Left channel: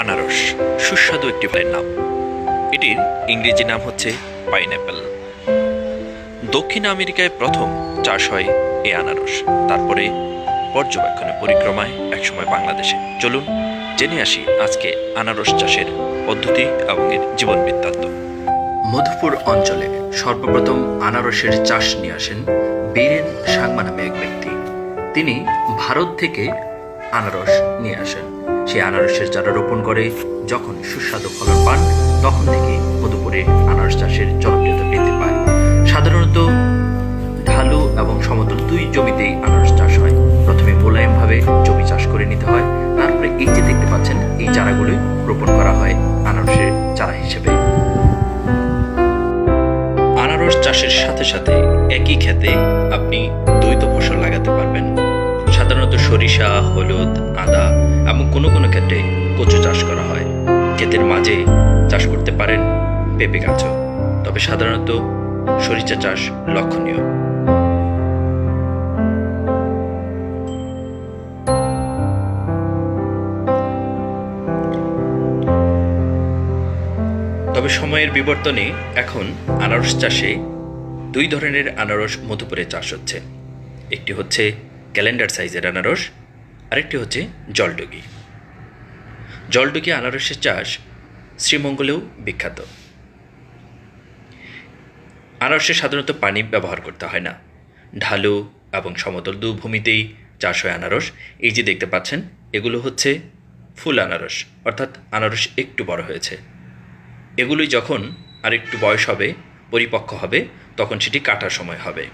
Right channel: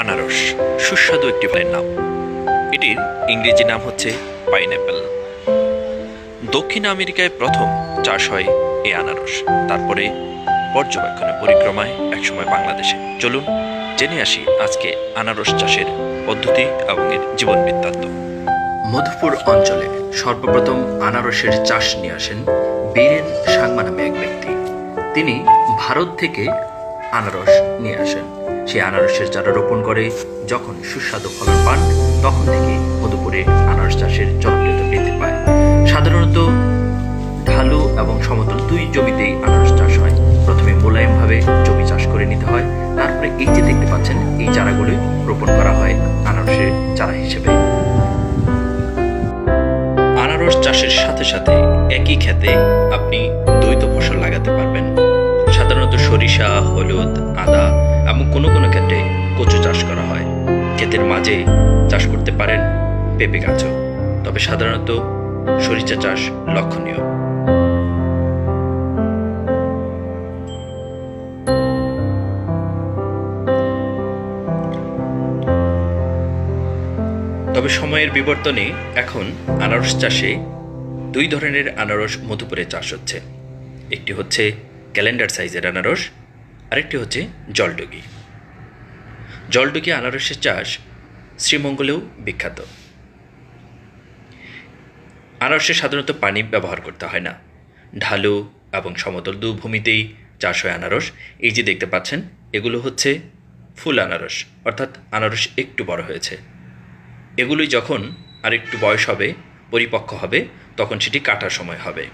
আনারস সুস্বাদু একটি ফলের নাম। এটির ইংরেজি নাম হচ্ছে পাইনঅ্যাপেল। দক্ষিণ আমেরিকায় প্রথম চাষ হয় এই আনারস, তারপরে পর্যবেক্ষণে পরিক্রমায় একসময় বাংলাদেশে। চলুন জেনে আসি আজকে আনারস চাষের পদ্ধতি এবং এর জীবন বৃত্তান্ত। মধুপুর অঞ্চলে সর্বপ্রথম আনারসের চাষ নিয়ে আসেন বীরেন সাংমা নামে এক ব্যক্তি। তিনি ভারত থেকে আনারস নিয়ে আসেন। সেই আনারসের চারা রোপণ করে যখন সুস্বাদু ফলন পান, তখন থেকে মধুপুরে আনারস চাষের জনপ্রিয়তা বৃদ্ধি পায়। সাধারণত ঢালু এবং সমতল দুই জমিতেই আনারস চাষ হয়। প্রথমে মোলায়েমভাবে জমি চাষ করে নিতে হয়, তারপরে এই যে দেখতে পাচ্ছেন এই চারাগুলি রোপণ করা হয় আনারসের চারা হিসেবে। আনারস চাষের সাথে সাথে একই ক্ষেতে আপনি দ্বৈত ফসল লাগাতে পারবেন। সাধারণত সরিষা, হলুদ, আদা এবং কোনো কোনো ক্ষেত্রে কচু চাষ করা হয়। ক্ষেতের মাঝে চাষ করতে পারেন পেঁপে গাছও, তবে সাধারণত সরিষা চাষ লক্ষণীয়। তবে সময়ের বিবর্তনে এখন আনারস চাষে দুই ধরনের আনারস মধুপুরে চাষ হচ্ছে। একটি হচ্ছে ক্যালেন্ডার সাইজের আনারস, আরেকটি হচ্ছে জলডুগি। জলডুগি আনারসের চাষ শ্রীমঙ্গলেও বিখ্যাত। আনারসে সাধারণত পানি ব্যবহার করতে হয় না। ঢালু এবং সমতল দু ভূমিতেই চাষ হয় আনারস। এই যে দেখতে পাচ্ছেন এগুলো হচ্ছে ফুল আনারস, অর্থাৎ আনারস একটু বড় হয়েছে। এগুলোই যখন আরেকটু বয়স হবে, পরিপক্ক হবে, তখন সেটি কাটার সময় হবে।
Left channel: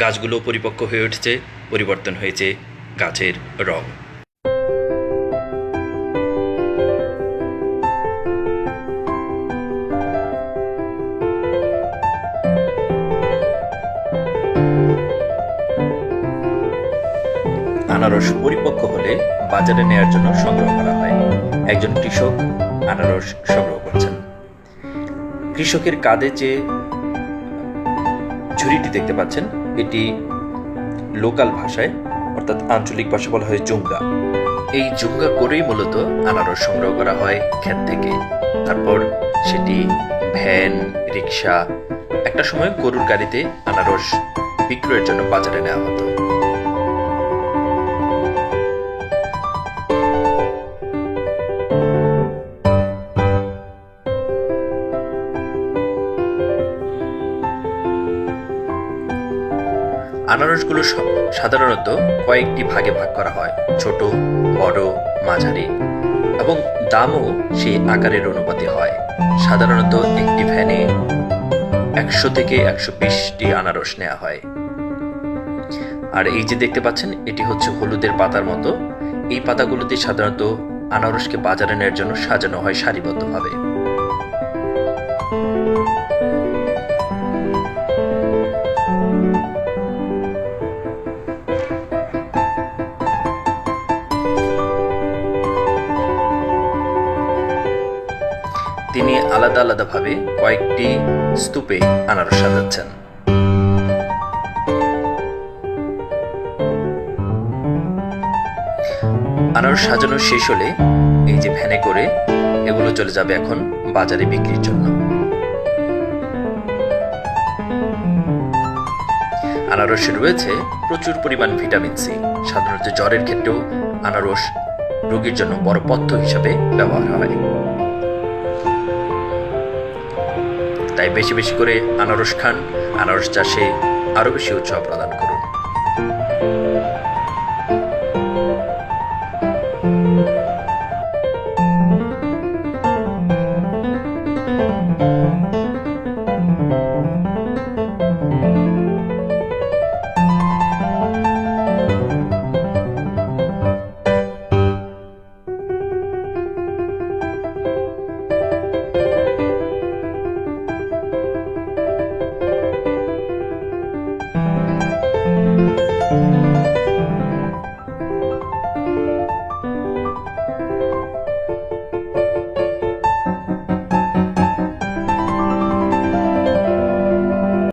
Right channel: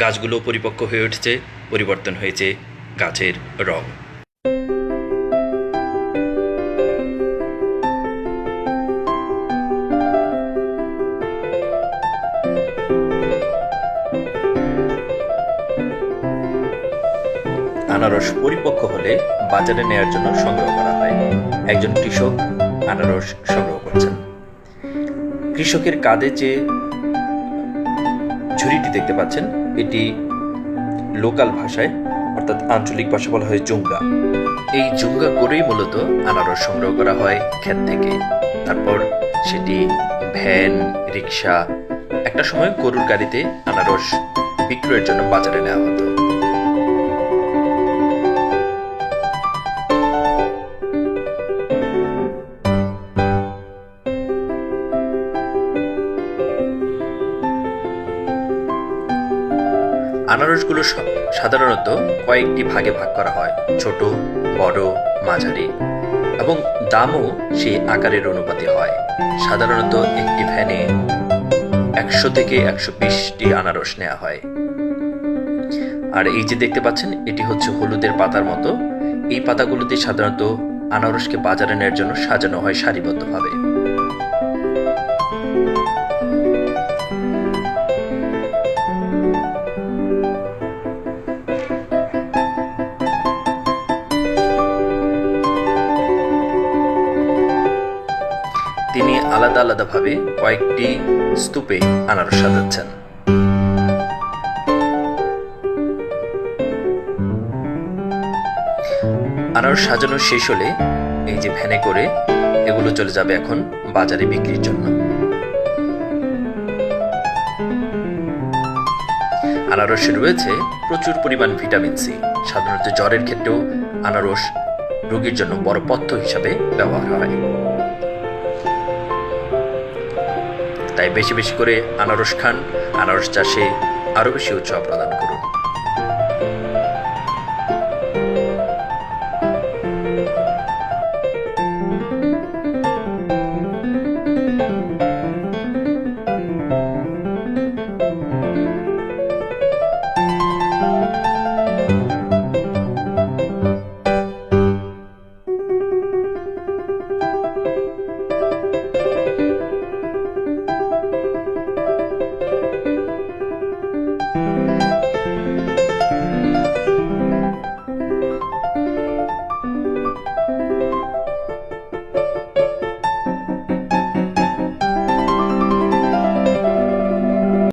গাছগুলো পরিপক্ক হয়ে উঠছে, পরিবর্তন হয়েছে গাছের রং। আনারস পরিপক্ক হলে বাজারে নেয়ার জন্য সংগ্রহ করা হয়। একজন কৃষক আনারস সংগ্রহ করছেন। কৃষকের কাঁধে যে ঝুড়িটি দেখতে পাচ্ছেন, এটি লোকাল ভাষায় অর্থাৎ আঞ্চলিক ভাষা বলা হয় জুঙ্গা। এই জুঙ্গা করেই মূলত আনারস সংগ্রহ করা হয় ক্ষেত থেকে। তারপর সেটি ভ্যান, রিক্সা, একটা সময় গরুর গাড়িতে আনারস বিক্রয়ের জন্য বাজারে নেওয়া হতো। আনারসগুলো সাধারণত কয়েকটি ভাগে ভাগ করা হয়, ছোট, বড়, মাঝারি, এবং দামও সেই আকারের অনুপাতে হয়। সাধারণত একটি ভ্যানে 100 থেকে 120টি আনারস নেওয়া হয়। আর এই যে দেখতে পাচ্ছেন এটি হচ্ছে হলুদের পাতার মতো। এই পাতাগুলোতে সাধারণত আনারসকে বাজারে নেওয়ার জন্য সাজানো হয় সারিবদ্ধভাবে। তিনি আলাদা আলাদাভাবে কয়েকটি স্তূপে আনারস সাজাচ্ছেন। আনারস সাজানো শেষ হলে এই যে ভ্যানে করে এগুলো চলে যাবে এখন বাজারে বিক্রির জন্য। আনারসে রয়েছে প্রচুর পরিমাণ ভিটামিন সি। সাধারণত জ্বরের ক্ষেত্রেও আনারস রোগীর জন্য বড় পথ্য হিসাবে ব্যবহার হয়। তাই বেশি বেশি করে আনারস খান, আনারস চাষে আরো বেশি উৎসাহ প্রদান করুন।